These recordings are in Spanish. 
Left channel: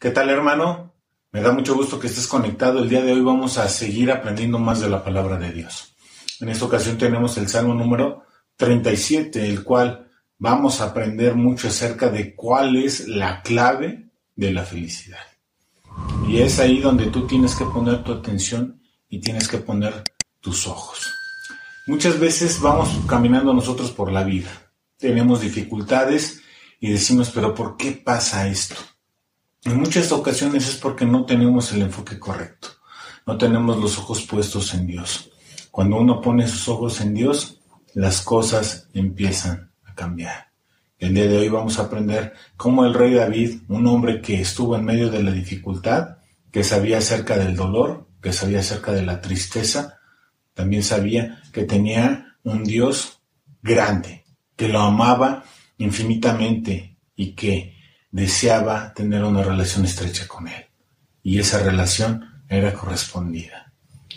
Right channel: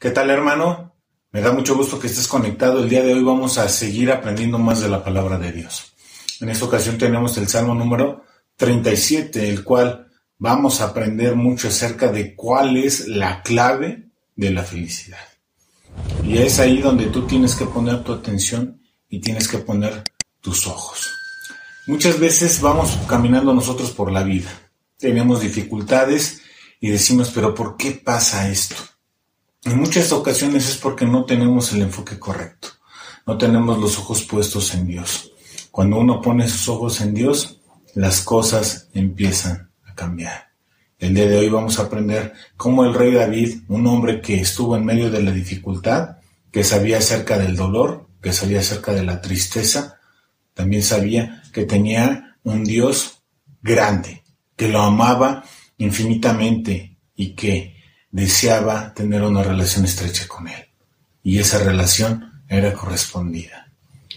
¿Qué tal, hermano? Me da mucho gusto que estés conectado. El día de hoy vamos a seguir aprendiendo más de la palabra de Dios. En esta ocasión tenemos el Salmo número 37, el cual vamos a aprender mucho acerca de cuál es la clave de la felicidad. Y es ahí donde tú tienes que poner tu atención y tienes que poner tus ojos. Muchas veces vamos caminando nosotros por la vida. Tenemos dificultades y decimos, ¿pero por qué pasa esto? En muchas ocasiones es porque no tenemos el enfoque correcto. No tenemos los ojos puestos en Dios. Cuando uno pone sus ojos en Dios, las cosas empiezan a cambiar. El día de hoy vamos a aprender cómo el rey David, un hombre que estuvo en medio de la dificultad, que sabía acerca del dolor, que sabía acerca de la tristeza, también sabía que tenía un Dios grande, que lo amaba infinitamente y que deseaba tener una relación estrecha con Él. Y esa relación era correspondida.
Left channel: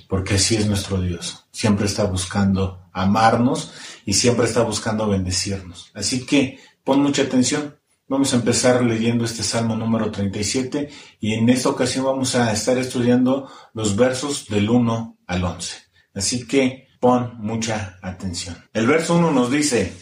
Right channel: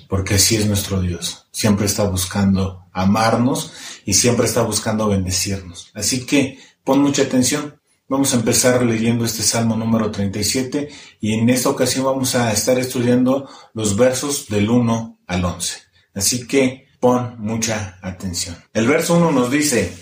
Porque así es nuestro Dios. Siempre está buscando amarnos y siempre está buscando bendecirnos. Así que pon mucha atención. Vamos a empezar leyendo este Salmo número 37 y en esta ocasión vamos a estar estudiando los versos del 1 al 11. Así que pon mucha atención. El verso 1 nos dice:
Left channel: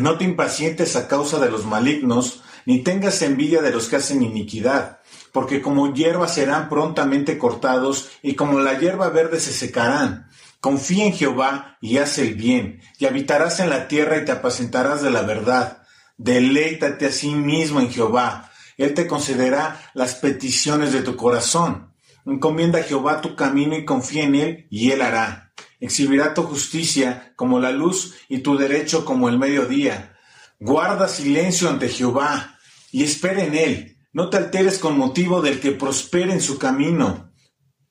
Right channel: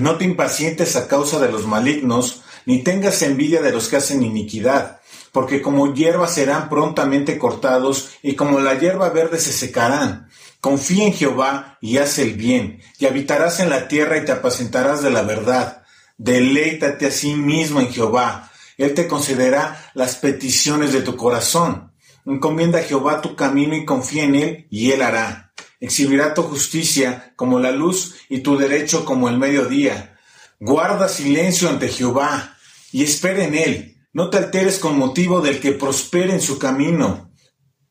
no te impacientes a causa de los malignos, ni tengas envidia de los que hacen iniquidad, porque como hierba serán prontamente cortados, y como la hierba verde se secarán. Confía en Jehová y haz el bien, y habitarás en la tierra y te apacentarás de la verdad. Deleítate a sí mismo en Jehová, Él te concederá las peticiones de tu corazón. Encomienda a Jehová tu camino y confía en Él, y Él hará. Exhibirá tu justicia como la luz y tu derecho como el mediodía. Guarda silencio ante Jehová y espera en Él. No te alteres con motivo del que prospere en su camino,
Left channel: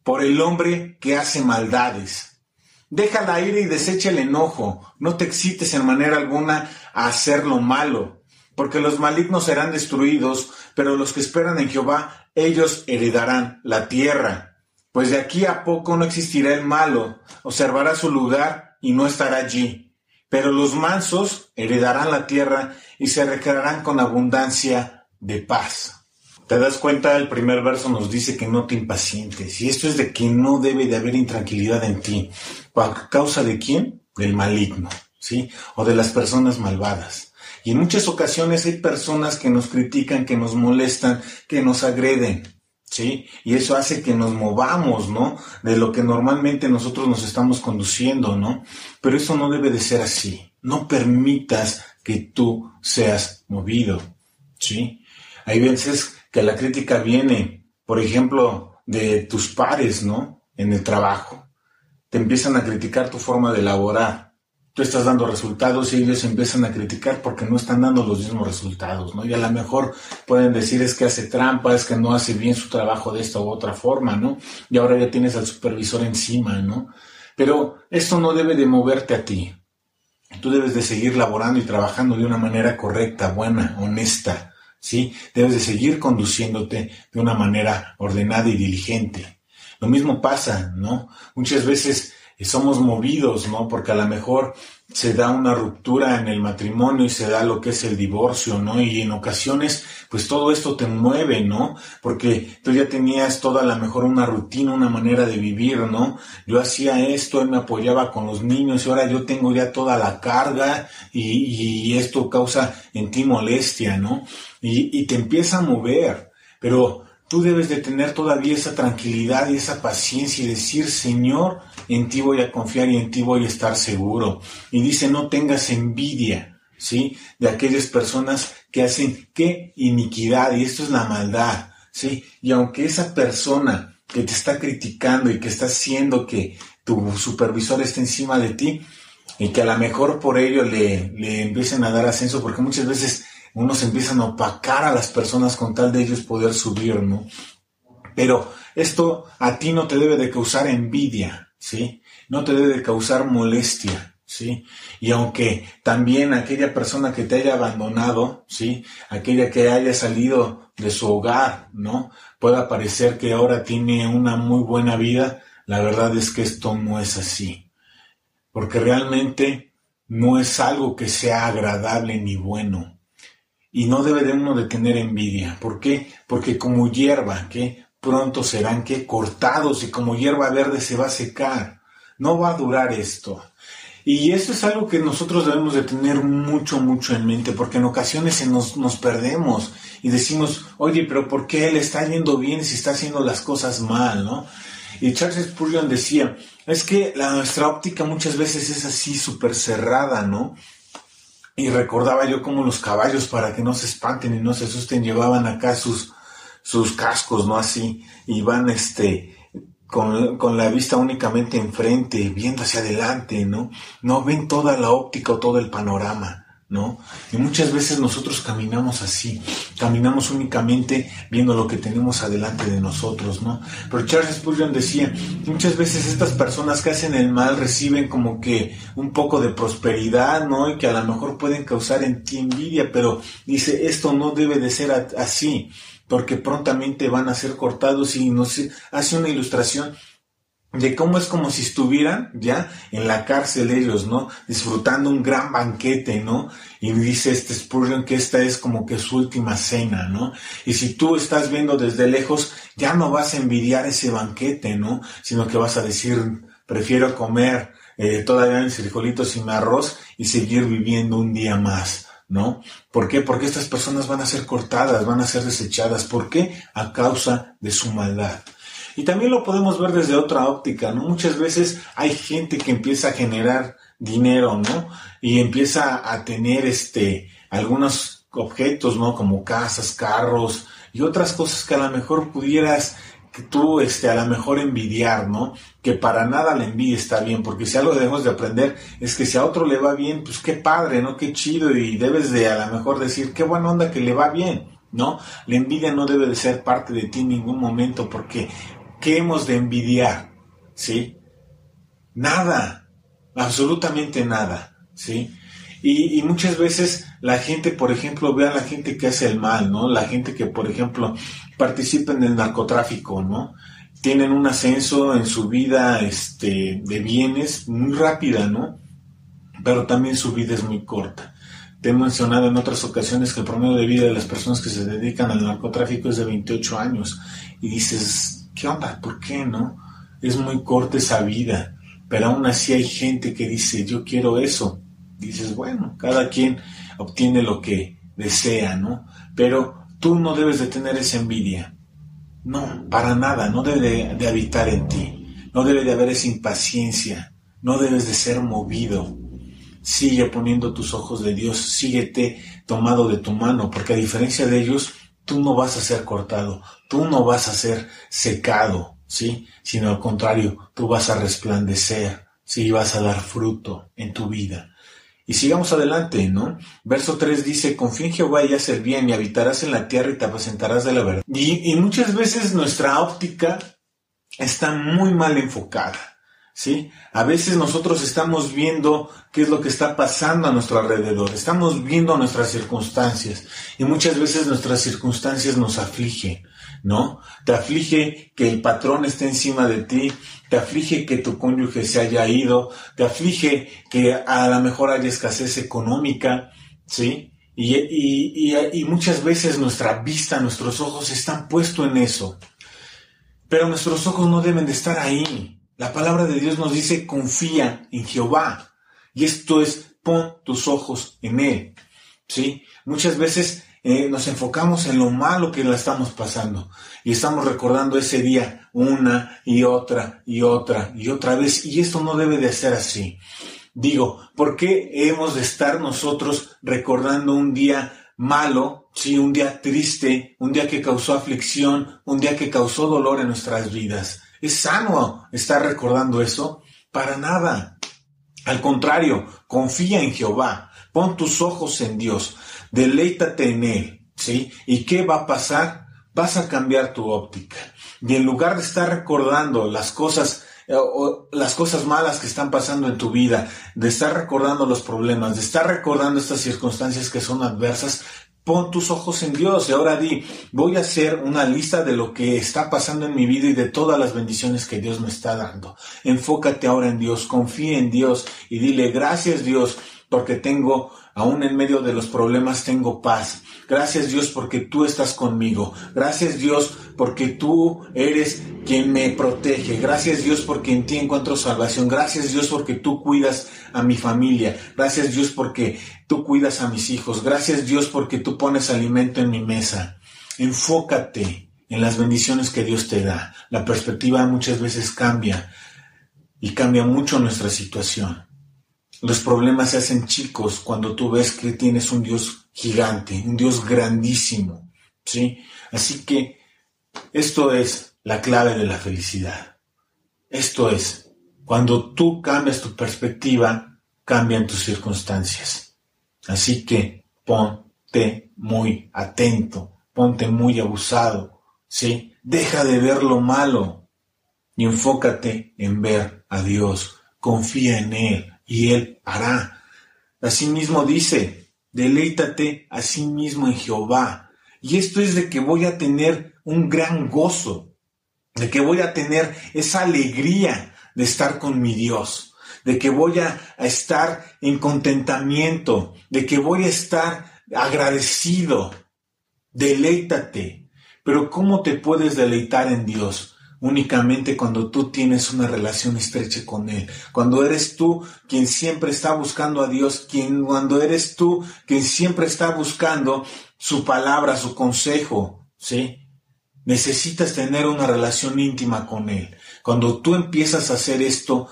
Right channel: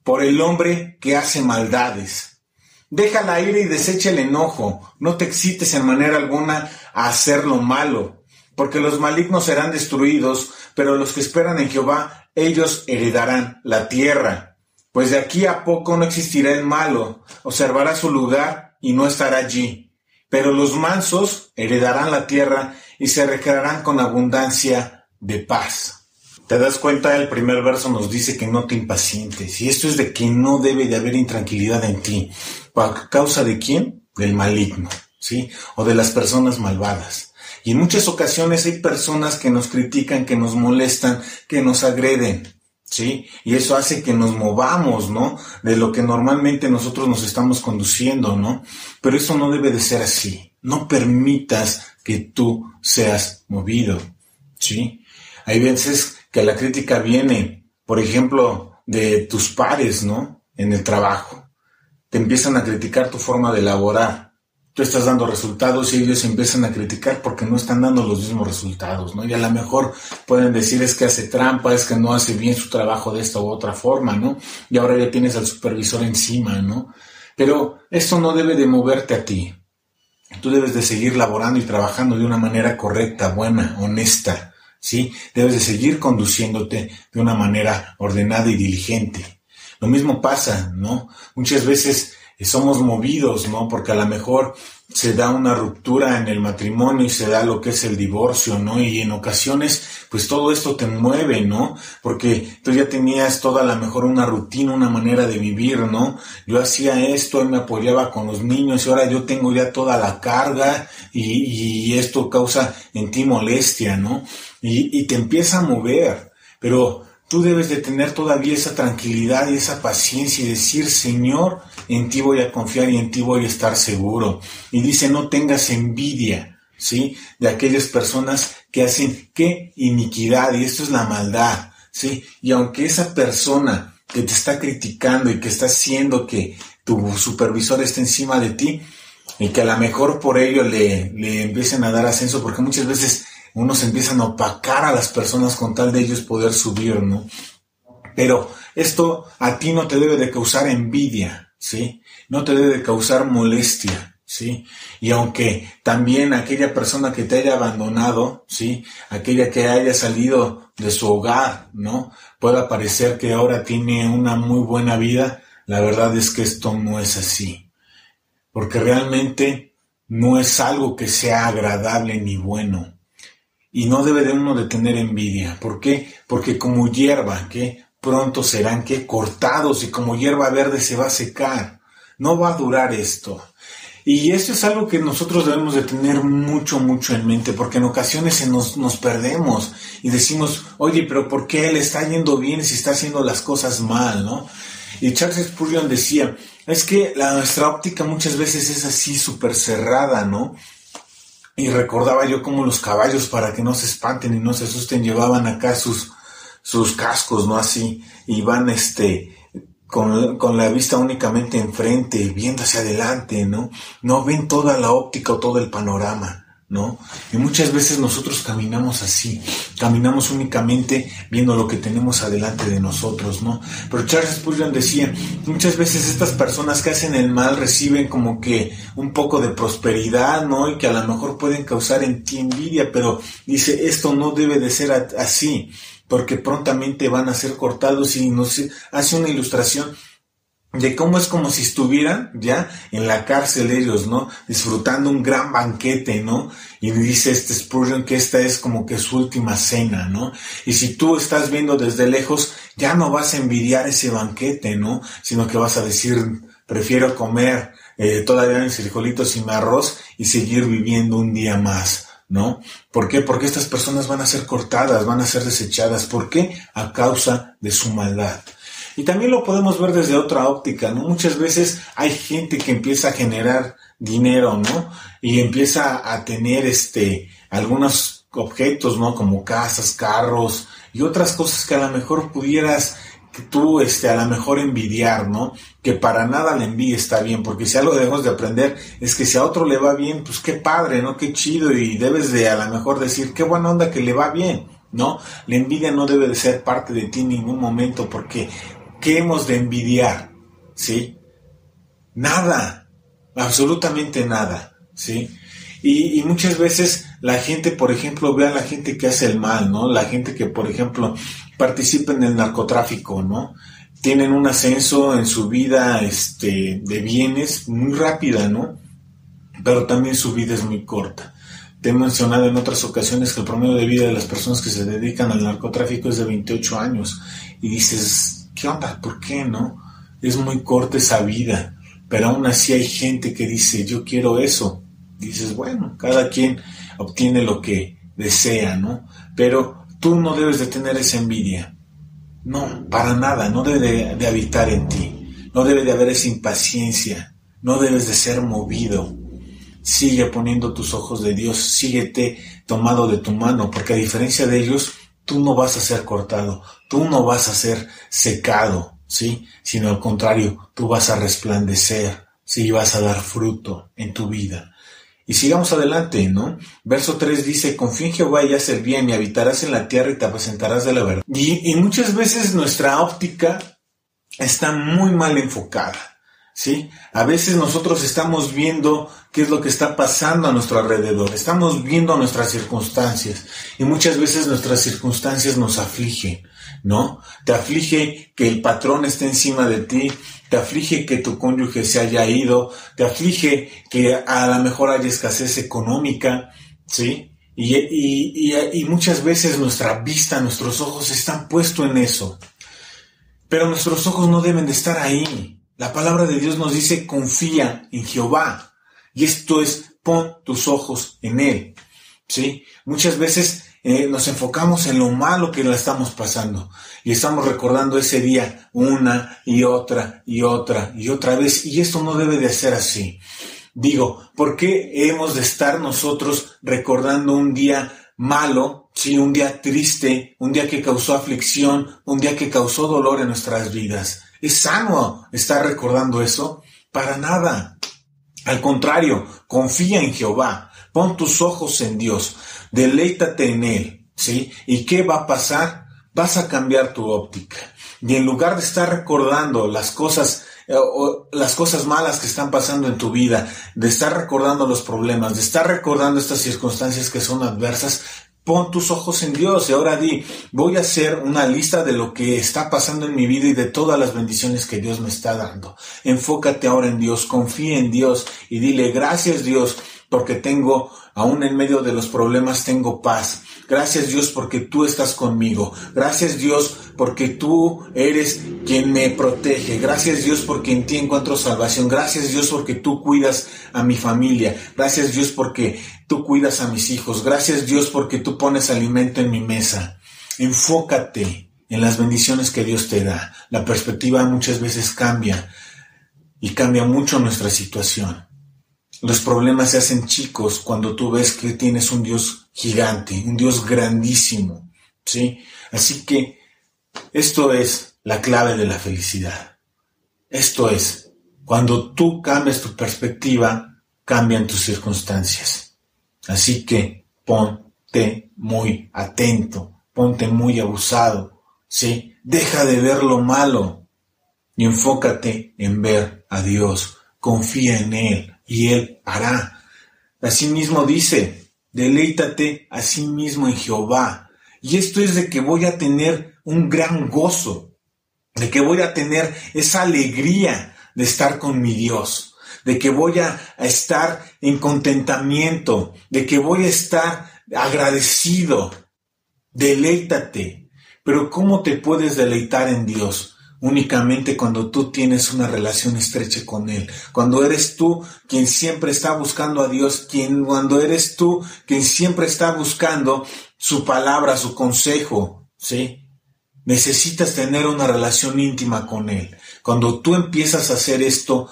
por el hombre que hace maldades. Deja la ira y desecha el enojo. No te excites en manera alguna a hacer lo malo, porque los malignos serán destruidos, pero los que esperan en Jehová, ellos heredarán la tierra. Pues de aquí a poco no existirá el malo, observará su lugar y no estará allí. Pero los mansos heredarán la tierra y se recrearán con abundancia de paz. ¿Te das cuenta? El primer verso nos dice que no te impacientes. Y esto es de que no debe de haber intranquilidad en ti. ¿A causa de quién? Del maligno, ¿sí? O de las personas malvadas. Y en muchas ocasiones hay personas que nos critican, que nos molestan, que nos agreden. ¿Sí? Y eso hace que nos movamos, ¿no? De lo que normalmente nosotros nos estamos conduciendo, ¿no? Pero eso no debe de ser así. No permitas que tú seas movido, ¿sí? Hay veces que la crítica viene, por ejemplo, de tus pares, ¿no? En el trabajo. Te empiezan a criticar tu forma de laborar. Tú estás dando resultados y ellos empiezan a criticar porque no están dando los mismos resultados, ¿no? Y a lo mejor pueden decir es que hace trampa, es que no hace bien su trabajo de esta u otra forma, ¿no? Y ahora ya tienes al supervisor encima, ¿no? Pero esto no debe de moverte a ti. Tú debes de seguir laborando y trabajando de una manera correcta, buena, honesta, ¿sí? Debes de seguir conduciéndote de una manera ordenada y diligente. Lo mismo pasa, ¿no? Muchas veces somos movidos, ¿no? Porque a lo mejor se da una ruptura en el matrimonio y se da lo que es el divorcio, ¿no? Y en ocasiones, pues todo esto te mueve, ¿no? Porque tú ya tenías toda a lo mejor una rutina, una manera de vivir, ¿no? Yo hacía esto, él me apoyaba con los niños y ahora yo tengo ya toda la carga y esto causa en ti molestia, ¿no? Y te empieza a mover, pero tú debes de tener todavía esa tranquilidad y esa paciencia y decir, Señor, en ti voy a confiar y en ti voy a estar seguro. Y dice, no tengas envidia, ¿sí? De aquellas personas que hacen, ¿qué? Iniquidad, y esto es la maldad, ¿sí? Y aunque esa persona que te está criticando y que está haciendo que tu supervisor esté encima de ti y que a lo mejor por ello le empiecen a dar ascenso, porque muchas veces unos empiezan a opacar a las personas con tal de ellos poder subir, ¿no? Pero esto a ti no te debe de causar envidia, ¿sí? No te debe de causar molestia, ¿sí? Y aunque también aquella persona que te haya abandonado, ¿sí? Aquella que haya salido de su hogar, ¿no? Pueda parecer que ahora tiene una muy buena vida, la verdad es que esto no es así. Porque realmente no es algo que sea agradable ni bueno. Y no debe de uno de tener envidia. ¿Por qué? Porque como hierba, que pronto serán cortados, y como hierba verde se va a secar. No va a durar esto. Y esto es algo que nosotros debemos de tener mucho, mucho en mente, porque en ocasiones nos perdemos y decimos, oye, pero ¿por qué él está yendo bien si está haciendo las cosas mal, no? Y Charles Spurgeon decía, es que nuestra óptica muchas veces es así súper cerrada, ¿no? Y recordaba yo cómo los caballos, para que no se espanten y no se asusten, llevaban acá sus cascos, ¿no? Así, y van con la vista únicamente enfrente, viendo hacia adelante, ¿no? No ven toda la óptica o todo el panorama, ¿no? Y muchas veces nosotros caminamos así, caminamos únicamente viendo lo que tenemos adelante de nosotros, ¿no? Pero Charles Spurgeon decía, muchas veces estas personas que hacen el mal reciben como que un poco de prosperidad, ¿no? Y que a lo mejor pueden causar en ti envidia, pero dice, esto no debe de ser así, porque prontamente van a ser cortados, y nos hace una ilustración de cómo es como si estuvieran ya en la cárcel ellos, ¿no? Disfrutando un gran banquete, ¿no? Y dice Spurgeon que esta es como que su última cena, ¿no? Y si tú estás viendo desde lejos, ya no vas a envidiar ese banquete, ¿no? Sino que vas a decir, prefiero comer todavía mis frijolitos y mi arroz y seguir viviendo un día más, ¿no? ¿Por qué? Porque estas personas van a ser cortadas, van a ser desechadas. ¿Por qué? A causa de su maldad. Y también lo podemos ver desde otra óptica, ¿no? Muchas veces hay gente que empieza a generar dinero, ¿no? Y empieza a tener algunos objetos, ¿no? Como casas, carros y otras cosas que a lo mejor pudieras tú a lo mejor envidiar, ¿no? Que para nada la envidia está bien, porque si algo debemos de aprender es que si a otro le va bien, pues qué padre, ¿no? Qué chido, y debes de a lo mejor decir, qué buena onda que le va bien, ¿no? La envidia no debe de ser parte de ti en ningún momento, porque ¿qué hemos de envidiar? ¿Sí? Nada, absolutamente nada, ¿sí? Y muchas veces la gente, por ejemplo, ve a la gente que hace el mal, ¿no? La gente que, por ejemplo, participa en el narcotráfico, ¿no? Tienen un ascenso en su vida de bienes muy rápida, ¿no? Pero también su vida es muy corta. Te he mencionado en otras ocasiones que el promedio de vida de las personas que se dedican al narcotráfico es de 28 años. Y dices, ¿qué onda? ¿Por qué, no? Es muy corta esa vida. Pero aún así hay gente que dice, yo quiero eso. Dices, bueno, cada quien obtiene lo que desea, ¿no? Pero tú no debes de tener esa envidia. No, para nada, no debe de habitar en ti. No debe de haber esa impaciencia. No debes de ser movido. Sigue poniendo tus ojos de Dios, síguete tomado de tu mano, porque a diferencia de ellos, tú no vas a ser cortado, tú no vas a ser secado, ¿sí? Sino al contrario, tú vas a resplandecer, ¿sí? Vas a dar fruto en tu vida. Y sigamos adelante, ¿no? Verso 3 dice, confía en Jehová y haz el bien, y habitarás en la tierra y te apacentarás de la verdad. Y muchas veces nuestra óptica está muy mal enfocada, ¿sí? A veces nosotros estamos viendo qué es lo que está pasando a nuestro alrededor, estamos viendo nuestras circunstancias, y muchas veces nuestras circunstancias nos afligen, ¿no? Te aflige que el patrón esté encima de ti, te aflige que tu cónyuge se haya ido, te aflige que a lo mejor haya escasez económica, ¿sí? Y muchas veces nuestra vista, nuestros ojos están puestos en eso. Pero nuestros ojos no deben de estar ahí. La palabra de Dios nos dice, confía en Jehová. Y esto es, pon tus ojos en Él, ¿sí? Muchas veces nos enfocamos en lo malo que la estamos pasando. Y estamos recordando ese día una y otra y otra y otra vez. Y esto no debe de ser así. Digo, ¿por qué hemos de estar nosotros recordando un día malo, sí, un día triste, un día que causó aflicción, un día que causó dolor en nuestras vidas? ¿Es sano estar recordando eso? Para nada. Al contrario, confía en Jehová, pon tus ojos en Dios, deleítate en Él, ¿sí? ¿Y qué va a pasar? Vas a cambiar tu óptica. Y en lugar de estar recordando las cosas malas que están pasando en tu vida, de estar recordando los problemas, de estar recordando estas circunstancias que son adversas, pon tus ojos en Dios y ahora di, voy a hacer una lista de lo que está pasando en mi vida y de todas las bendiciones que Dios me está dando. Enfócate ahora en Dios, confía en Dios y dile, gracias Dios, porque aún en medio de los problemas tengo paz. Gracias Dios porque tú estás conmigo. Gracias Dios porque tú eres quien me protege. Gracias Dios porque en ti encuentro salvación. Gracias Dios porque tú cuidas a mi familia. Gracias Dios porque tú cuidas a mis hijos. Gracias Dios porque tú pones alimento en mi mesa. Enfócate en las bendiciones que Dios te da. La perspectiva muchas veces cambia y cambia mucho nuestra situación. Los problemas se hacen chicos cuando tú ves que tienes un Dios gigante, un Dios grandísimo, ¿sí? Así que esto es la clave de la felicidad. Esto es, cuando tú cambias tu perspectiva, cambian tus circunstancias. Así que ponte muy atento, ponte muy abusado, ¿sí? Deja de ver lo malo y enfócate en ver a Dios. Confía en Él. Y Él hará. Asimismo dice, deleítate a sí mismo en Jehová. Y esto es de que voy a tener un gran gozo, de que voy a tener esa alegría de estar con mi Dios, de que voy a estar en contentamiento, de que voy a estar agradecido. Deleítate. Pero ¿cómo te puedes deleitar en Dios? Únicamente cuando tú tienes una relación estrecha con Él, cuando eres tú quien siempre está buscando a Dios, cuando eres tú quien siempre está buscando su palabra, su consejo, ¿sí? Necesitas tener una relación íntima con Él. Cuando tú empiezas a hacer esto,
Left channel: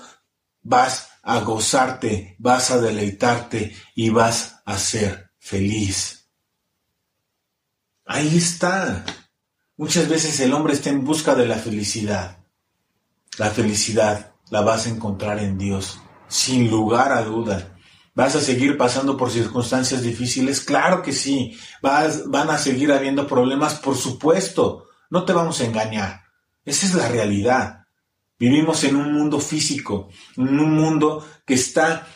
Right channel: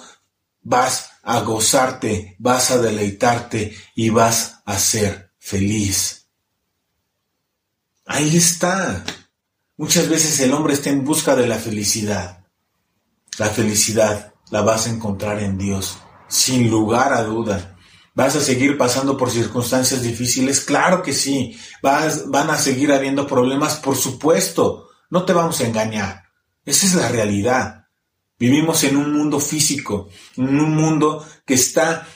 vas a gozarte, vas a deleitarte y vas a ser feliz. Ahí está. Muchas veces el hombre está en busca de la felicidad. La felicidad la vas a encontrar en Dios, sin lugar a duda. ¿Vas a seguir pasando por circunstancias difíciles? Claro que sí. Van a seguir habiendo problemas, por supuesto. No te vamos a engañar. Esa es la realidad. Vivimos en un mundo físico, en un mundo que está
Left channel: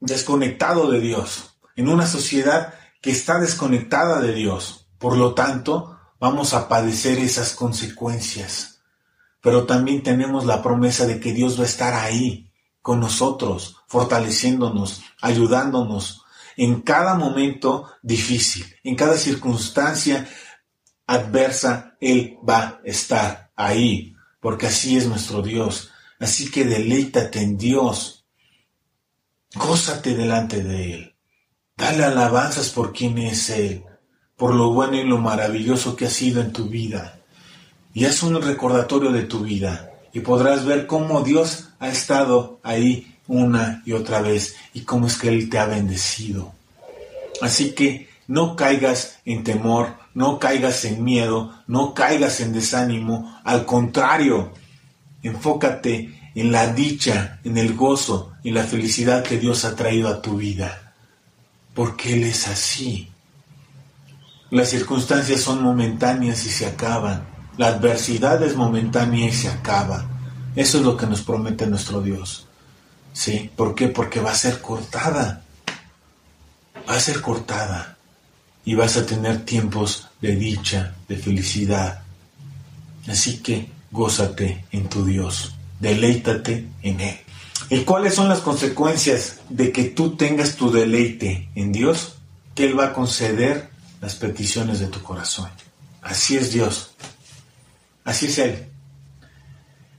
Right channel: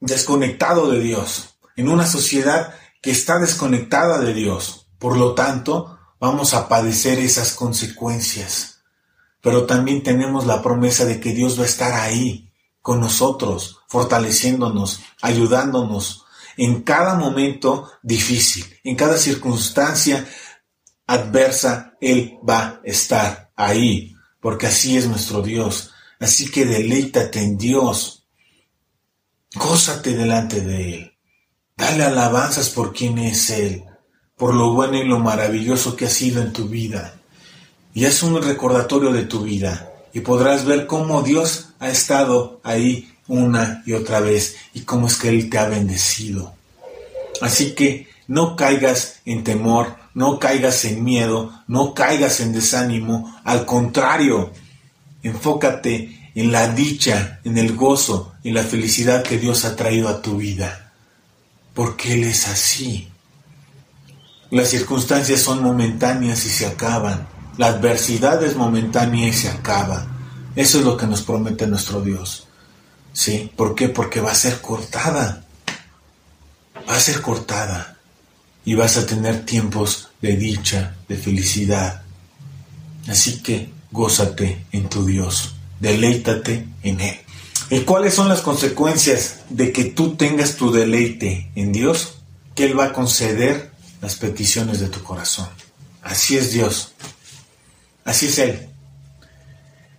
desconectado de Dios, en una sociedad que está desconectada de Dios. Por lo tanto, vamos a padecer esas consecuencias. Pero también tenemos la promesa de que Dios va a estar ahí con nosotros, fortaleciéndonos, ayudándonos en cada momento difícil, en cada circunstancia adversa. Él va a estar ahí, porque así es nuestro Dios. Así que deleítate en Dios. Gózate delante de Él. Dale alabanzas por quién es Él, por lo bueno y lo maravilloso que ha sido en tu vida. Y haz un recordatorio de tu vida y podrás ver cómo Dios ha estado ahí una y otra vez y cómo es que Él te ha bendecido. Así que no caigas en temor, no caigas en miedo, no caigas en desánimo. Al contrario, enfócate en la dicha, en el gozo y la felicidad que Dios ha traído a tu vida. Porque Él es así. Las circunstancias son momentáneas y se acaban. La adversidad es momentánea y se acaba. Eso es lo que nos promete nuestro Dios. ¿Sí? ¿Por qué? Porque va a ser cortada. Va a ser cortada. Y vas a tener tiempos de dicha, de felicidad. Así que gózate en tu Dios. Deleítate en Él. ¿Y cuáles son las consecuencias de que tú tengas tu deleite en Dios? Que Él va a conceder las peticiones de tu corazón. Así es Dios. Así es Él.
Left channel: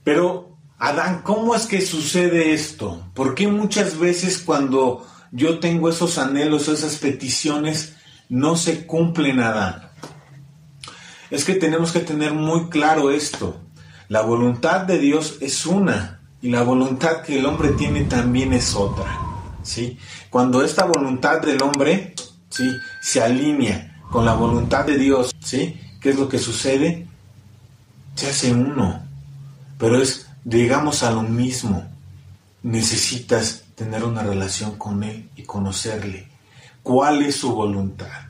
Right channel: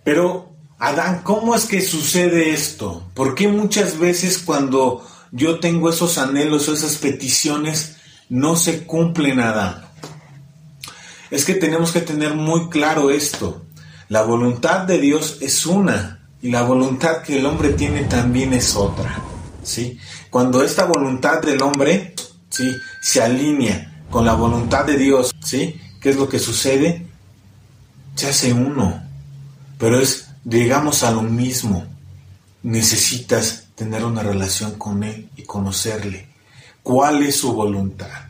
Pero, Adán, ¿cómo es que sucede esto? ¿Por qué muchas veces cuando yo tengo esos anhelos o esas peticiones no se cumplen, Adán? Es que tenemos que tener muy claro esto. La voluntad de Dios es una y la voluntad que el hombre tiene también es otra. ¿Sí? Cuando esta voluntad del hombre, ¿sí?, se alinea con la voluntad de Dios, ¿sí?, ¿qué es lo que sucede? Se hace uno. Pero llegamos a lo mismo. Necesitas tener una relación con Él y conocerle. ¿Cuál es su voluntad?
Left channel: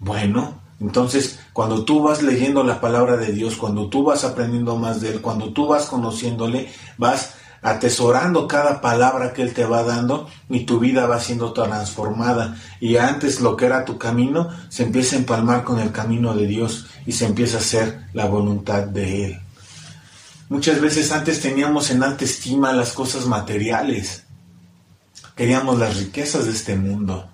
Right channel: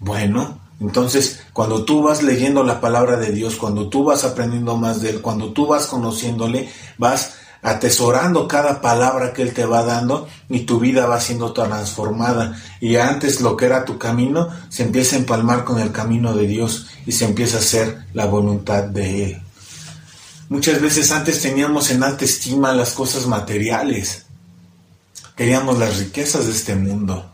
Bueno, entonces, cuando tú vas leyendo la palabra de Dios, cuando tú vas aprendiendo más de Él, cuando tú vas conociéndole, vas atesorando cada palabra que Él te va dando y tu vida va siendo transformada. Y antes lo que era tu camino se empieza a empalmar con el camino de Dios y se empieza a hacer la voluntad de Él. Muchas veces antes teníamos en alta estima las cosas materiales. queríamos las riquezas de este mundo.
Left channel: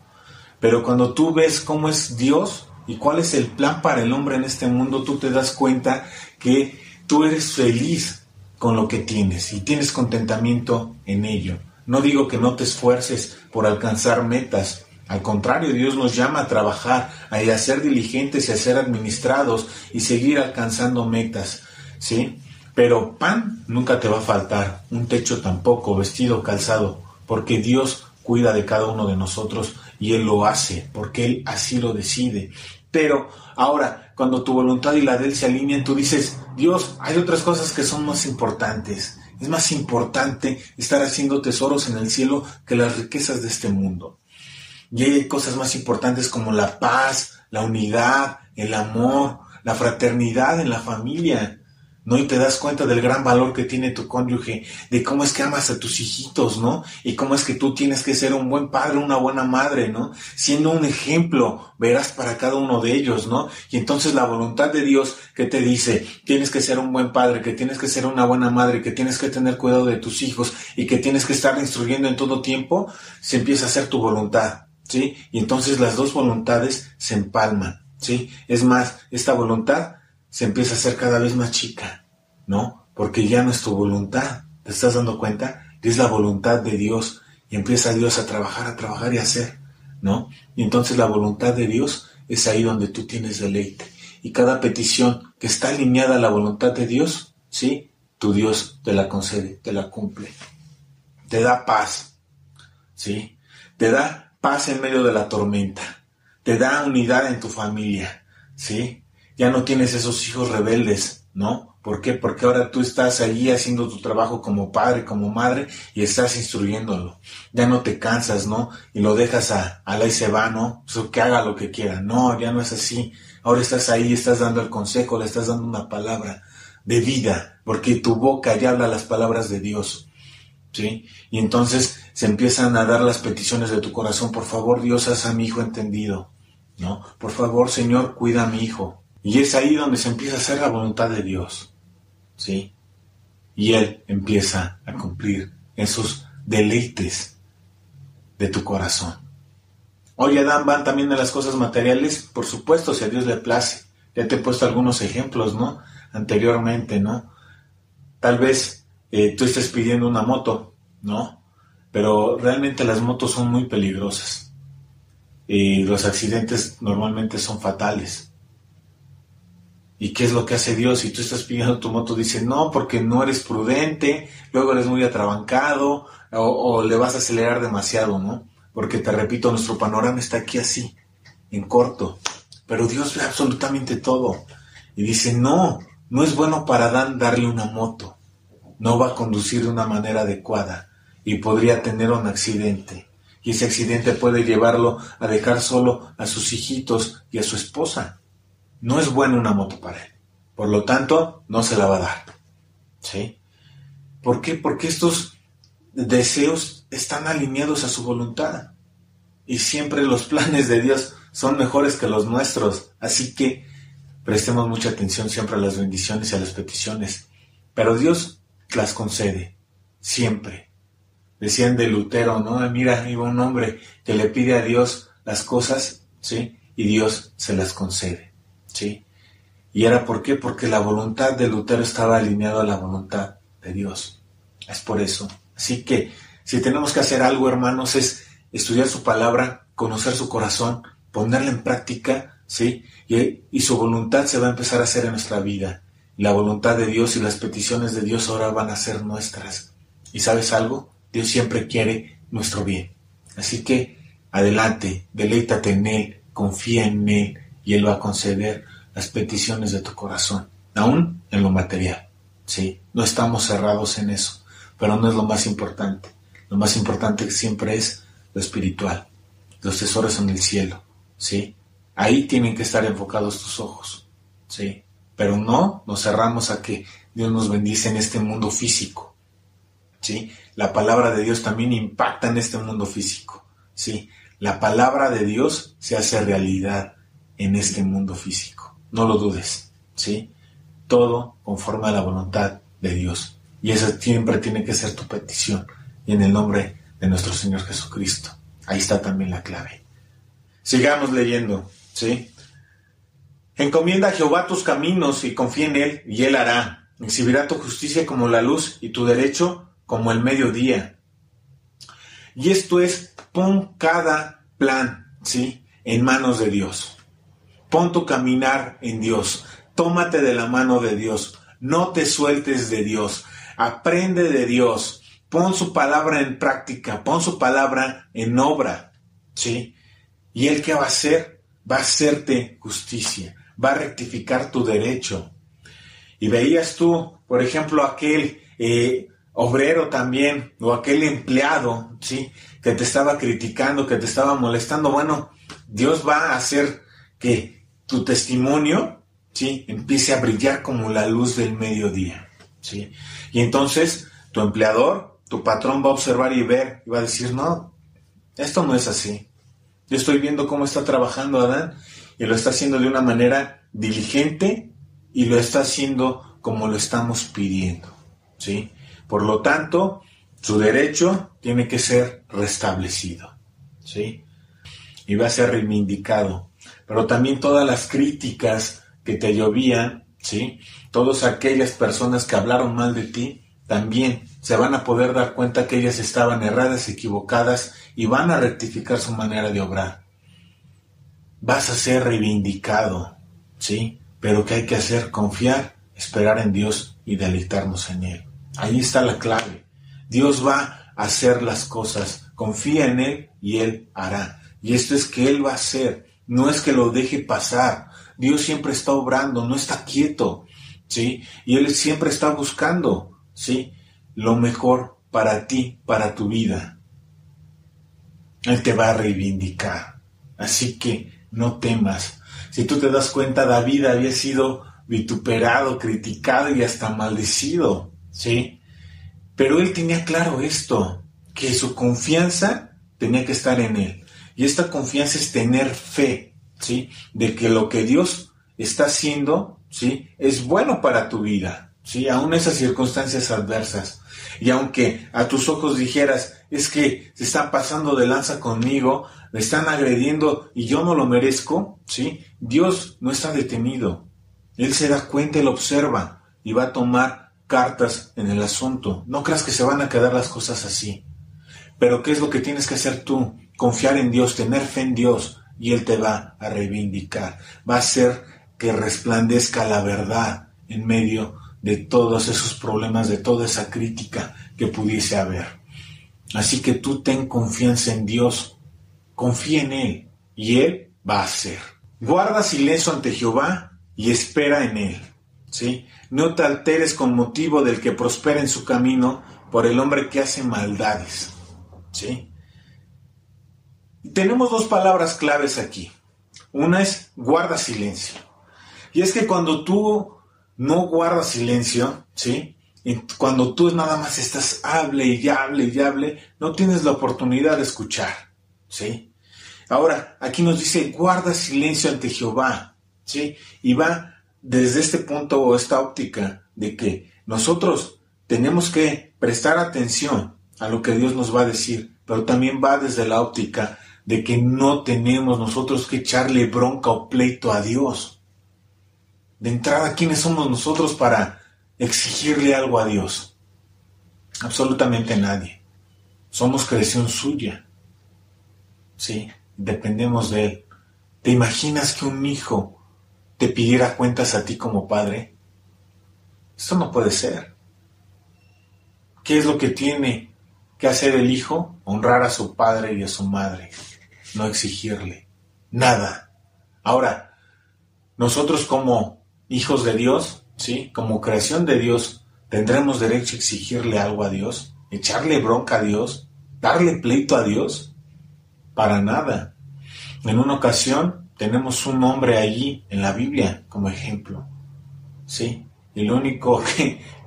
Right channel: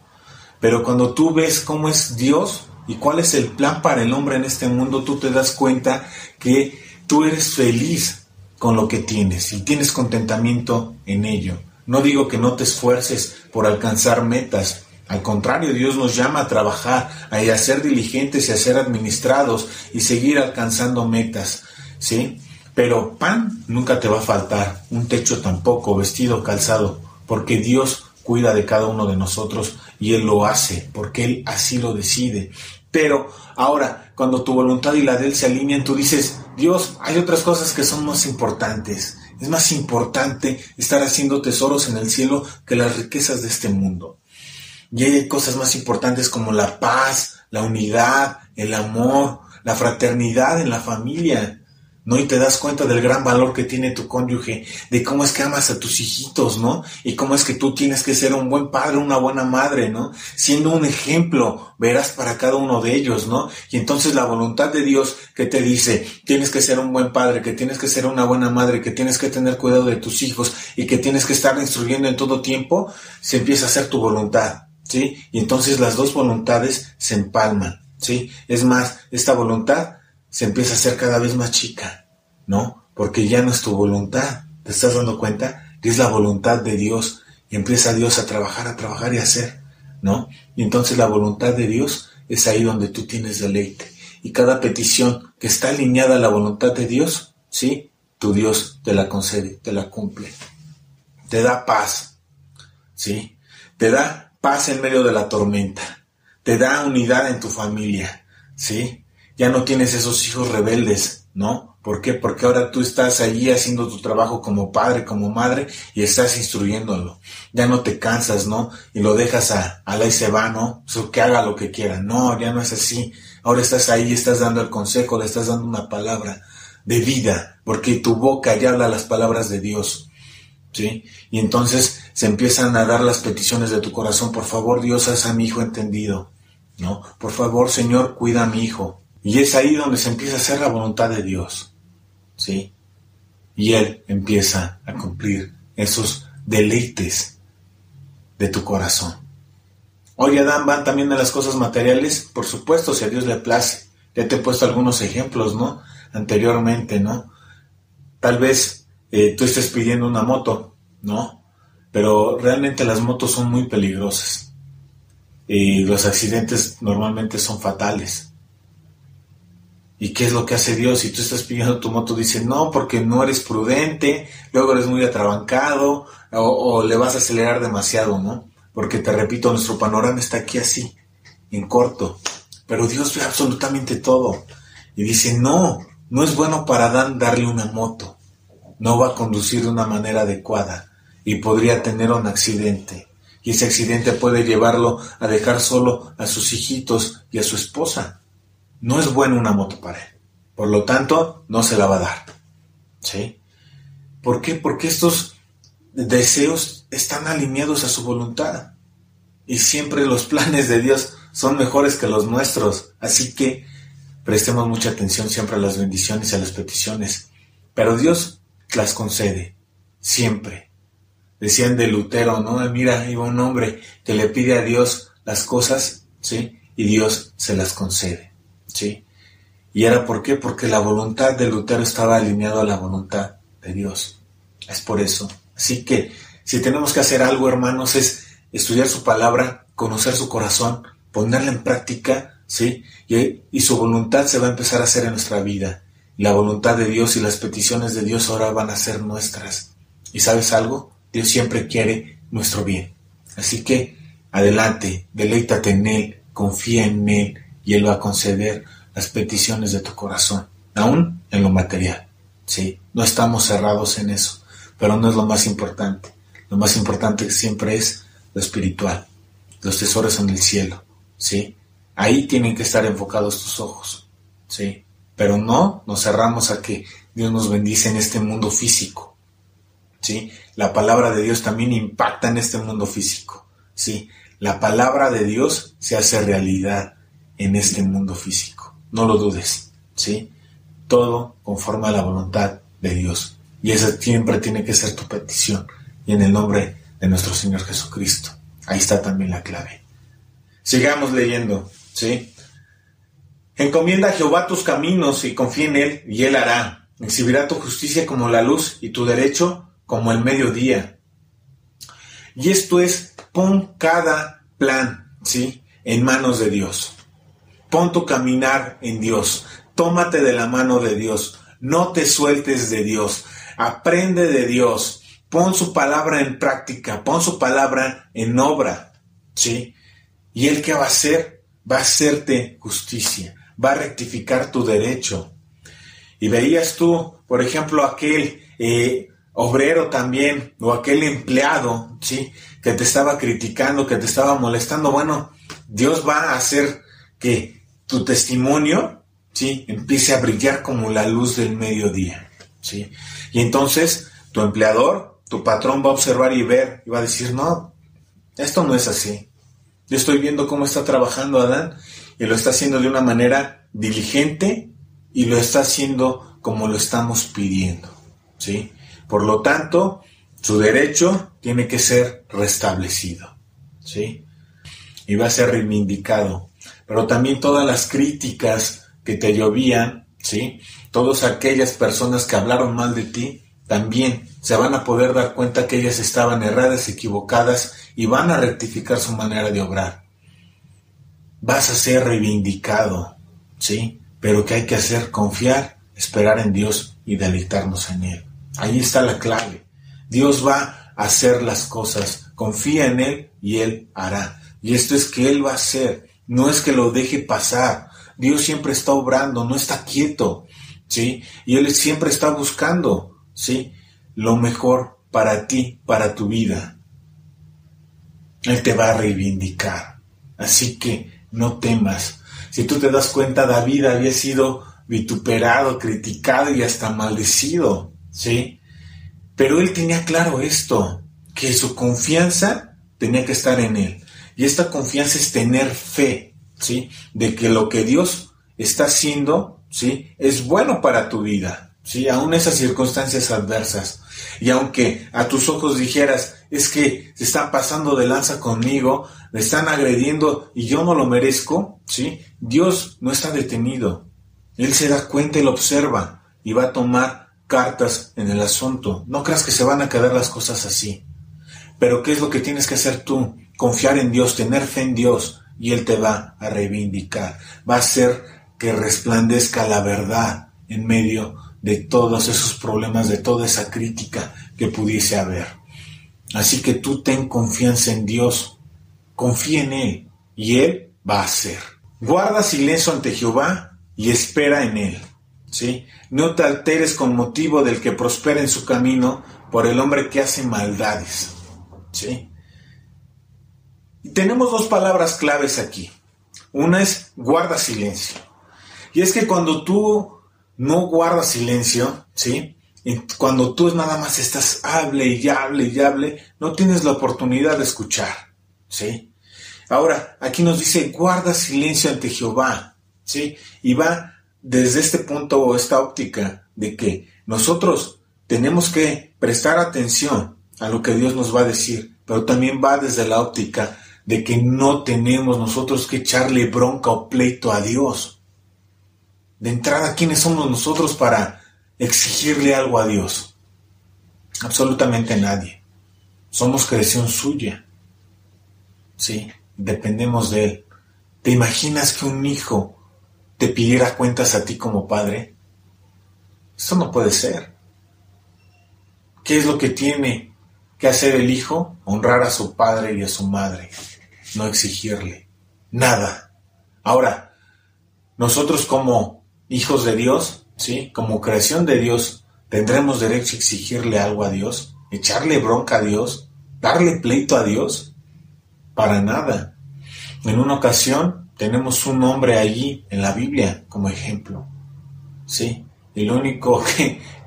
Pero cuando tú ves cómo es Dios y cuál es el plan para el hombre en este mundo, tú te das cuenta que tú eres feliz con lo que tienes y tienes contentamiento en ello. No digo que no te esfuerces por alcanzar metas. Al contrario, Dios nos llama a trabajar, a ser diligentes y a ser administrados y seguir alcanzando metas, ¿sí? Pero pan nunca te va a faltar, un techo tampoco, vestido, calzado, porque Dios cuida de cada uno de nosotros y Él lo hace, porque Él así lo decide. Pero ahora, cuando tu voluntad y la de Él se alinean, tú dices, Dios, hay otras cosas que son más importantes. Es más importante estar haciendo tesoros en el cielo que las riquezas de este mundo. Y hay cosas más importantes como la paz, la unidad, el amor, la fraternidad en la familia, ¿no? Y te das cuenta del gran valor que tiene tu cónyuge, de cómo es que amas a tus hijitos, ¿no? Y cómo es que tú tienes que ser un buen padre, una buena madre, ¿no? Siendo un ejemplo, verás para cada uno de ellos, ¿no? Y entonces la voluntad de Dios que te dice, tienes que ser un buen padre, que tienes que ser una buena madre, que tienes que tener cuidado de tus hijos y que tienes que estar instruyendo en todo tiempo, se empieza a hacer tu voluntad, ¿sí? Y entonces las dos voluntades se empalman, ¿sí? Es más, esta voluntad se empieza a hacer cada vez más chica, ¿no? Porque ya no es tu voluntad, ¿te estás dando cuenta? Que es la voluntad de Dios y empieza Dios a trabajar y a hacer, ¿no? Y entonces la voluntad de Dios es ahí donde tú tienes deleite. Y cada petición que está alineada a la voluntad de Dios, ¿sí? Tu Dios te la concede, te la cumple. Te da paz, ¿sí? Te da paz en medio de la tormenta. Te da unidad en tu familia, ¿sí? Ya no tienes esos hijos rebeldes, ¿no? ¿Por qué? Porque ahora tú estás allí haciendo tu trabajo como padre, como madre, y estás instruyéndolo. Ya no te cansas, ¿no? Y lo dejas a la y se va, ¿no? So, que haga lo que quiera. No, ya no es así. Ahora estás ahí, estás dando el consejo, le estás dando una palabra de vida, porque tu boca ya habla las palabras de Dios, ¿sí? Y entonces se empiezan a dar las peticiones de tu corazón. Por favor, Dios, haz a mi hijo entendido, ¿no? Por favor, Señor, cuida a mi hijo. Y es ahí donde se empieza a hacer la voluntad de Dios, ¿sí? Y Él empieza a cumplir esos deleites de tu corazón. Oye, Adán, van también a las cosas materiales, por supuesto, si a Dios le place. Ya te he puesto algunos ejemplos, ¿no? Anteriormente, ¿no? Tal vez tú estés pidiendo una moto, ¿no? Pero realmente las motos son muy peligrosas. Y los accidentes normalmente son fatales. ¿Y qué es lo que hace Dios? Si tú estás pidiendo tu moto, dice, no, porque no eres prudente, luego eres muy atrabancado, o le vas a acelerar demasiado, ¿no? Porque te repito, nuestro panorama está aquí así, en corto. Pero Dios ve absolutamente todo. Y dice, no es bueno para Adán darle una moto. No va a conducir de una manera adecuada y podría tener un accidente. Y ese accidente puede llevarlo a dejar solo a sus hijitos y a su esposa. No es buena una moto para él. Por lo tanto, no se la va a dar, ¿sí? ¿Por qué? Porque estos deseos están alineados a su voluntad. Y siempre los planes de Dios son mejores que los nuestros. Así que prestemos mucha atención siempre a las bendiciones y a las peticiones. Pero Dios las concede, siempre. Decían de Lutero, ¿no? Mira, iba un hombre que le pide a Dios las cosas, ¿sí? Y Dios se las concede, ¿sí? ¿Y era por qué? Porque la voluntad de Lutero estaba alineada a la voluntad de Dios. Es por eso. Así que, si tenemos que hacer algo, hermanos, es estudiar su palabra, conocer su corazón, ponerla en práctica, ¿sí? Y su voluntad se va a empezar a hacer en nuestra vida. La voluntad de Dios y las peticiones de Dios ahora van a ser nuestras. ¿Y sabes algo? Dios siempre quiere nuestro bien. Así que, adelante, deleítate en Él, confía en Él, y Él va a conceder las peticiones de tu corazón, aún en lo material, ¿sí? No estamos cerrados en eso, pero no es lo más importante. Lo más importante siempre es lo espiritual, los tesoros en el cielo, ¿sí? Ahí tienen que estar enfocados tus ojos, ¿sí? Pero no nos cerramos a que Dios nos bendice en este mundo físico, ¿sí? La palabra de Dios también impacta en este mundo físico, ¿sí? La palabra de Dios se hace realidad en este mundo físico. No lo dudes, ¿sí? Todo conforme a la voluntad de Dios. Y esa siempre tiene que ser tu petición. Y en el nombre de nuestro Señor Jesucristo. Ahí está también la clave. Sigamos leyendo, ¿sí? Encomienda a Jehová tus caminos y confía en Él, y Él hará. Exhibirá tu justicia como la luz y tu derecho como el mediodía. Y esto es, pon cada plan, ¿sí?, en manos de Dios. Pon tu caminar en Dios. Tómate de la mano de Dios. No te sueltes de Dios. Aprende de Dios. Pon su palabra en práctica. Pon su palabra en obra, ¿sí? ¿Y Él qué va a hacer? Va a hacerte justicia. Va a rectificar tu derecho. Y veías tú, por ejemplo, aquel obrero también, o aquel empleado, ¿sí?, que te estaba criticando, que te estaba molestando. Bueno, Dios va a hacer que tu testimonio, ¿sí?, empiece a brillar como la luz del mediodía, ¿sí? Y entonces tu empleador, tu patrón va a observar y ver, y va a decir, no, esto no es así. Yo estoy viendo cómo está trabajando Adán, y lo está haciendo de una manera diligente, y lo está haciendo como lo estamos pidiendo, ¿sí? Por lo tanto, su derecho tiene que ser restablecido, ¿sí? Y va a ser reivindicado. Pero también todas las críticas que te llovían, ¿sí?, todas aquellas personas que hablaron mal de ti, también se van a poder dar cuenta que ellas estaban erradas, equivocadas, y van a rectificar su manera de obrar. Vas a ser reivindicado, ¿sí? Pero ¿qué hay que hacer? Confiar, esperar en Dios y deleitarnos en Él. Ahí está la clave. Dios va a hacer las cosas. Confía en Él y Él hará. Y esto es que Él va a hacer. No es que lo deje pasar. Dios siempre está obrando, no está quieto, ¿sí? Y Él siempre está buscando, ¿sí?, lo mejor para ti, para tu vida. Él te va a reivindicar. Así que no temas. Si tú te das cuenta, David había sido vituperado, criticado y hasta maldecido, ¿sí? Pero él tenía claro esto, que su confianza tenía que estar en Él. Y esta confianza es tener fe, ¿sí?, de que lo que Dios está haciendo, ¿sí?, es bueno para tu vida, ¿sí?, aún esas circunstancias adversas. Y aunque a tus ojos dijeras, es que se están pasando de lanza conmigo, me están agrediendo y yo no lo merezco, ¿sí?, Dios no está detenido. Él se da cuenta y lo observa y va a tomar cartas en el asunto. No creas que se van a quedar las cosas así. Pero ¿qué es lo que tienes que hacer tú? Confiar en Dios, tener fe en Dios, y Él te va a reivindicar. Va a hacer que resplandezca la verdad en medio de todos esos problemas, de toda esa crítica que pudiese haber. Así que tú ten confianza en Dios, confía en Él, y Él va a hacer. Guarda silencio ante Jehová y espera en Él, ¿sí? No te alteres con motivo del que prospera en su camino por el hombre que hace maldades, ¿sí? Y tenemos dos palabras claves aquí. Una es guarda silencio. Y es que cuando tú no guardas silencio, ¿sí?, y cuando tú nada más estás hable y hable y hable, no tienes la oportunidad de escuchar, ¿sí? Ahora, aquí nos dice, guarda silencio ante Jehová, ¿sí? Y va desde este punto o esta óptica de que nosotros tenemos que prestar atención a lo que Dios nos va a decir, pero también va desde la óptica de que no tenemos nosotros que echarle bronca o pleito a Dios. De entrada, ¿quiénes somos nosotros para exigirle algo a Dios? Absolutamente nadie. Somos creación suya, ¿sí? Dependemos de Él. ¿Te imaginas que un hijo te pidiera cuentas a ti como padre? Esto no puede ser. ¿Qué es lo que tiene que hacer el hijo? Honrar a su padre y a su madre, no exigirle nada. Ahora, nosotros como hijos de Dios, ¿sí?, como creación de Dios, ¿tendremos derecho a exigirle algo a Dios? ¿Echarle bronca a Dios? ¿Darle pleito a Dios? Para nada. En una ocasión tenemos un hombre allí en la Biblia como ejemplo, ¿sí? Y lo único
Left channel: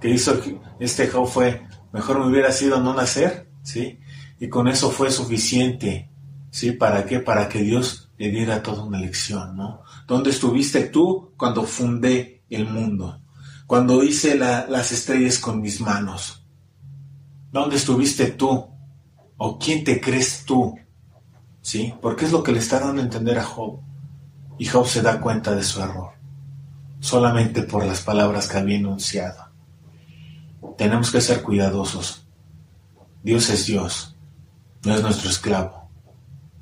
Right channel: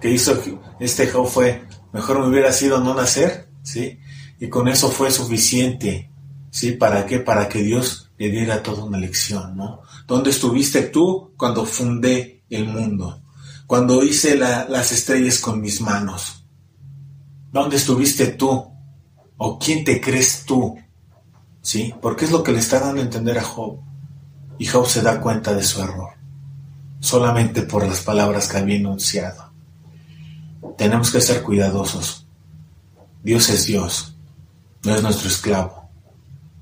que hizo este Job fue, mejor me hubiera sido no nacer, ¿sí? Y con eso fue suficiente, ¿sí? ¿Para qué? Para que Dios le diera toda una lección, ¿no? ¿Dónde estuviste tú cuando fundé el mundo? Cuando hice las estrellas con mis manos. ¿Dónde estuviste tú ¿O quién te crees tú? ¿Sí? Porque es lo que le está dando a entender a Job. Y Job se da cuenta de su error, solamente por las palabras que había enunciado. Tenemos que ser cuidadosos. Dios es Dios, no es nuestro esclavo.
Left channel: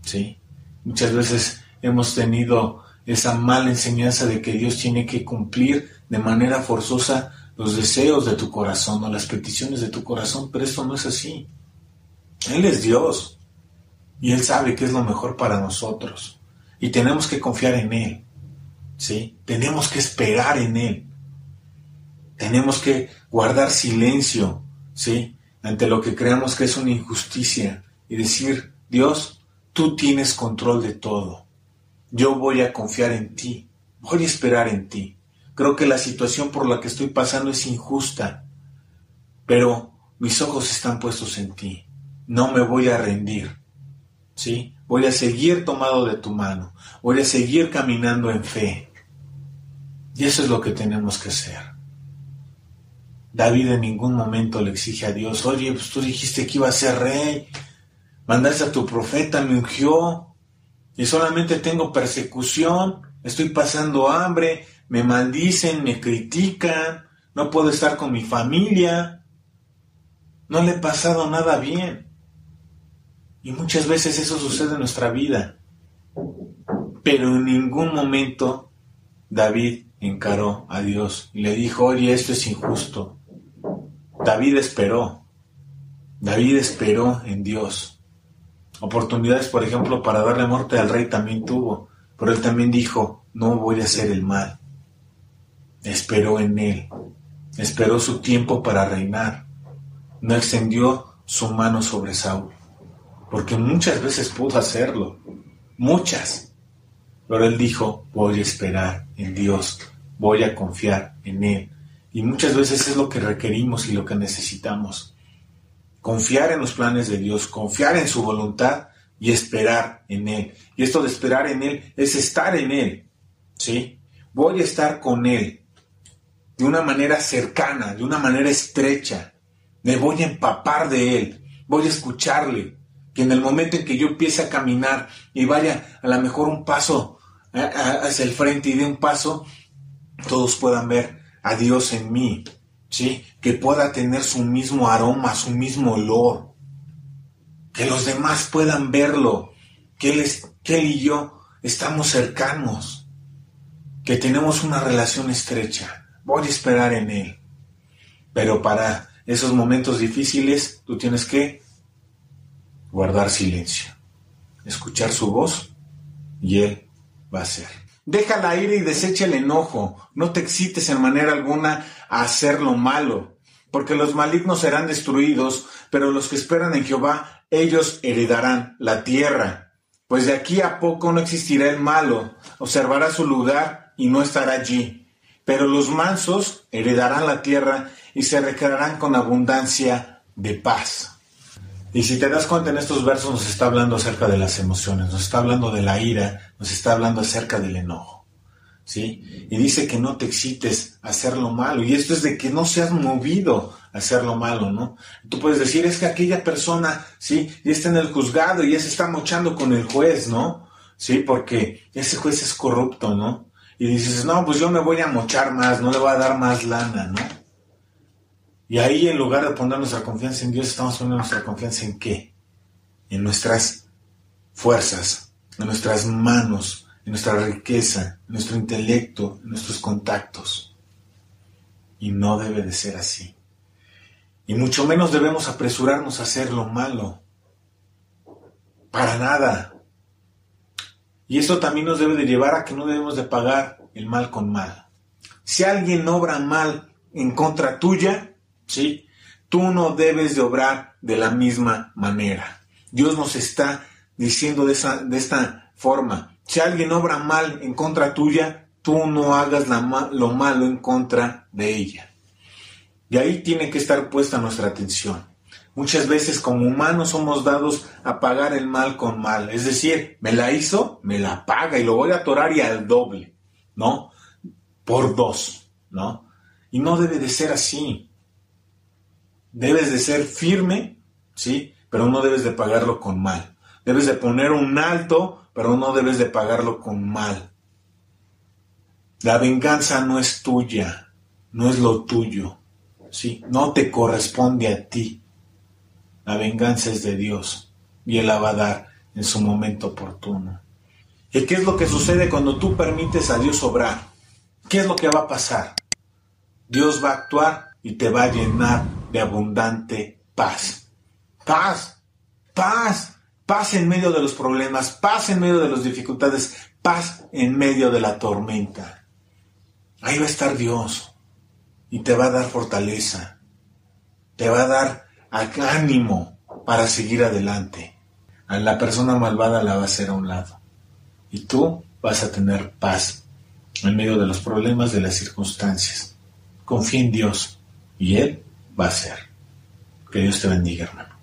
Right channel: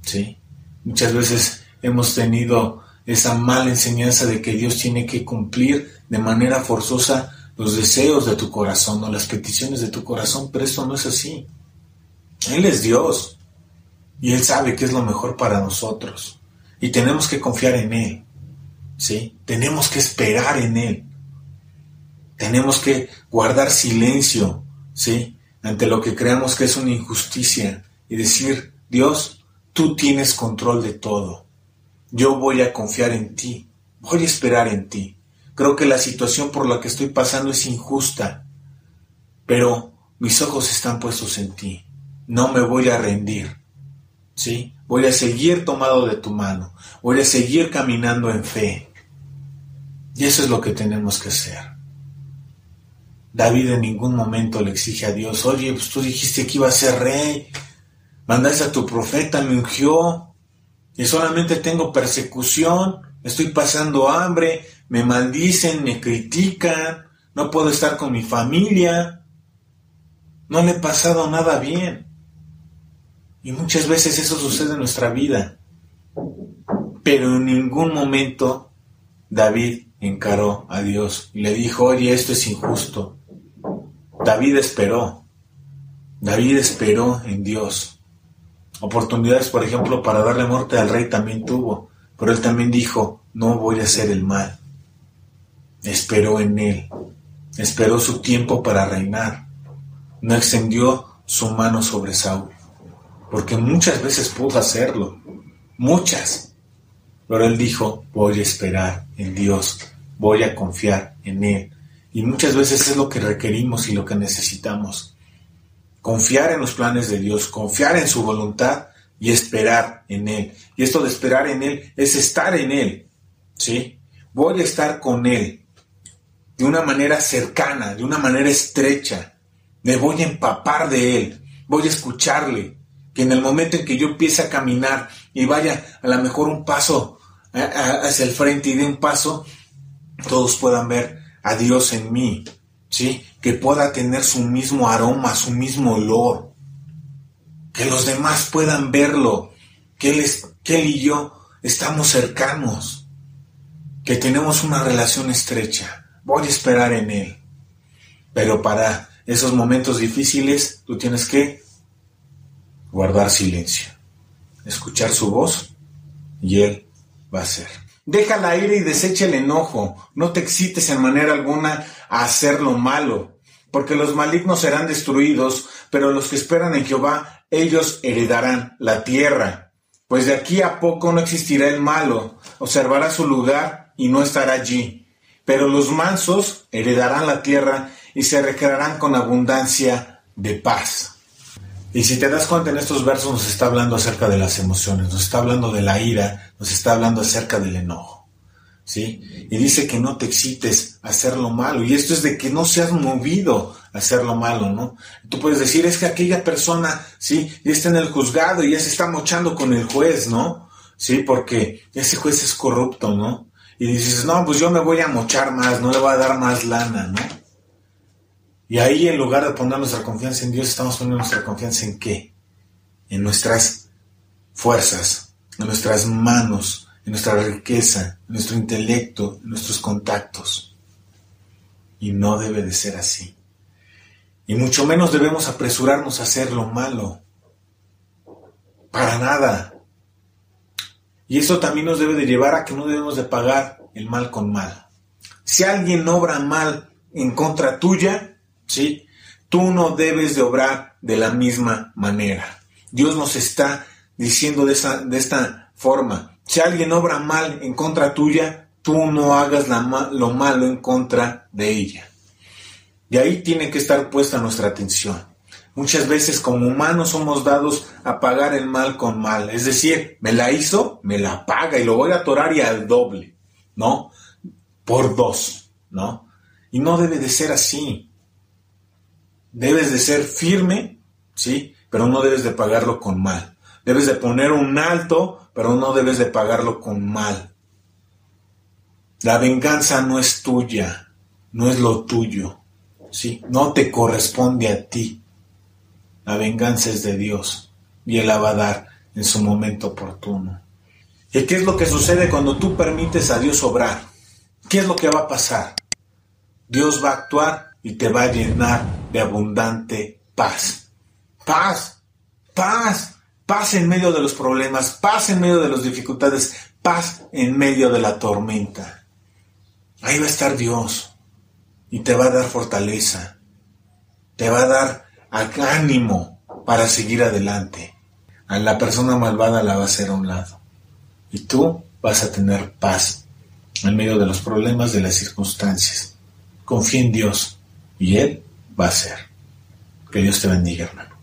¿Sí? Muchas veces hemos tenido esa mala enseñanza de que Dios tiene que cumplir de manera forzosa los deseos de tu corazón o las peticiones de tu corazón, pero esto no es así. Él es Dios y Él sabe qué es lo mejor para nosotros y tenemos que confiar en Él, ¿sí? Tenemos que esperar en Él, tenemos que guardar silencio, ¿sí? Ante lo que creamos que es una injusticia y decir, Dios, tú tienes control de todo, yo voy a confiar en ti, voy a esperar en ti. Creo que la situación por la que estoy pasando es injusta, pero mis ojos están puestos en ti. No me voy a rendir, ¿sí? Voy a seguir tomado de tu mano. Voy a seguir caminando en fe. Y eso es lo que tenemos que hacer. David en ningún momento le exige a Dios, oye, pues tú dijiste que iba a ser rey. Mandaste a tu profeta, me ungió. Y solamente tengo persecución. Estoy pasando hambre. Me maldicen, me critican. No puedo estar con mi familia. No le he pasado nada bien. Y muchas veces eso sucede en nuestra vida. Pero en ningún momento David encaró a Dios y le dijo, oye, esto es injusto. David esperó. David esperó en Dios. Oportunidades, por ejemplo, para darle muerte al rey también tuvo. Pero él también dijo, no voy a hacer el mal. Esperó en él. Esperó su tiempo para reinar. No extendió su mano sobre Saúl. Porque muchas veces pudo hacerlo. Muchas. Pero él dijo, voy a esperar en Dios. Voy a confiar en Él. Y muchas veces es lo que requerimos y lo que necesitamos. Confiar en los planes de Dios. Confiar en su voluntad y esperar en Él. Y esto de esperar en Él es estar en Él. ¿Sí? Voy a estar con Él. De una manera cercana, de una manera estrecha. Me voy a empapar de Él. Voy a escucharle. Que en el momento en que yo empiece a caminar y vaya a lo mejor un paso hacia el frente y dé un paso, todos puedan ver a Dios en mí, ¿sí? Que pueda tener su mismo aroma, su mismo olor. Que los demás puedan verlo. Que Él y yo estamos cercanos. Que tenemos una relación estrecha. Voy a esperar en Él. Pero para esos momentos difíciles, tú tienes que guardar silencio, escuchar su voz y Él va a hacer. Deja la ira y desecha el enojo. No te excites en manera alguna a hacer lo malo, porque los malignos serán destruidos, pero los que esperan en Jehová, ellos heredarán la tierra. Pues de aquí a poco no existirá el malo, observará su lugar y no estará allí. Pero los mansos heredarán la tierra y se recrearán con abundancia de paz. Y si te das cuenta, en estos versos nos está hablando acerca de las emociones, nos está hablando de la ira, nos está hablando acerca del enojo, ¿sí? Y dice que no te excites a hacer lo malo, y esto es de que no seas movido a hacer lo malo, ¿no? Tú puedes decir, es que aquella persona, ¿sí? Ya está en el juzgado y ya se está mochando con el juez, ¿no? Sí, porque ese juez es corrupto, ¿no? Y dices, no, pues yo me voy a mochar más, no le voy a dar más lana, ¿no? Y ahí, en lugar de poner nuestra confianza en Dios, estamos poniendo nuestra confianza ¿en qué? En nuestras fuerzas, en nuestras manos, en nuestra riqueza, en nuestro intelecto, en nuestros contactos. Y no debe de ser así. Y mucho menos debemos apresurarnos a hacer lo malo. Para nada. Y esto también nos debe de llevar a que no debemos de pagar el mal con mal. Si alguien obra mal en contra tuya, ¿sí? Tú no debes de obrar de la misma manera. Dios nos está diciendo de esta forma. Si alguien obra mal en contra tuya, tú no hagas lo malo en contra de ella. Y ahí tiene que estar puesta nuestra atención. Muchas veces como humanos somos dados a pagar el mal con mal. Es decir, me la hizo, me la paga y lo voy a atorar y al doble, ¿no? Por 2, ¿no? Y no debe de ser así. Debes de ser firme, ¿sí? pero no debes de pagarlo con mal. Debes de poner un alto, pero no debes de pagarlo con mal. La venganza no es tuya, no es lo tuyo, ¿sí? No te corresponde a ti. La venganza es de Dios y Él la va a dar en su momento oportuno. ¿Y qué es lo que sucede cuando tú permites a Dios obrar? ¿Qué es lo que va a pasar? Dios va a actuar y te va a llenar de abundante paz. Paz, paz, paz en medio de los problemas, paz en medio de las dificultades, paz en medio de la tormenta. Ahí va a estar Dios y te va a dar fortaleza, te va a dar ánimo para seguir adelante. A la persona malvada la va a hacer a un lado y tú vas a tener paz en medio de los problemas, de las circunstancias. Confía en Dios y Él va a hacer. Que Dios te bendiga, hermano.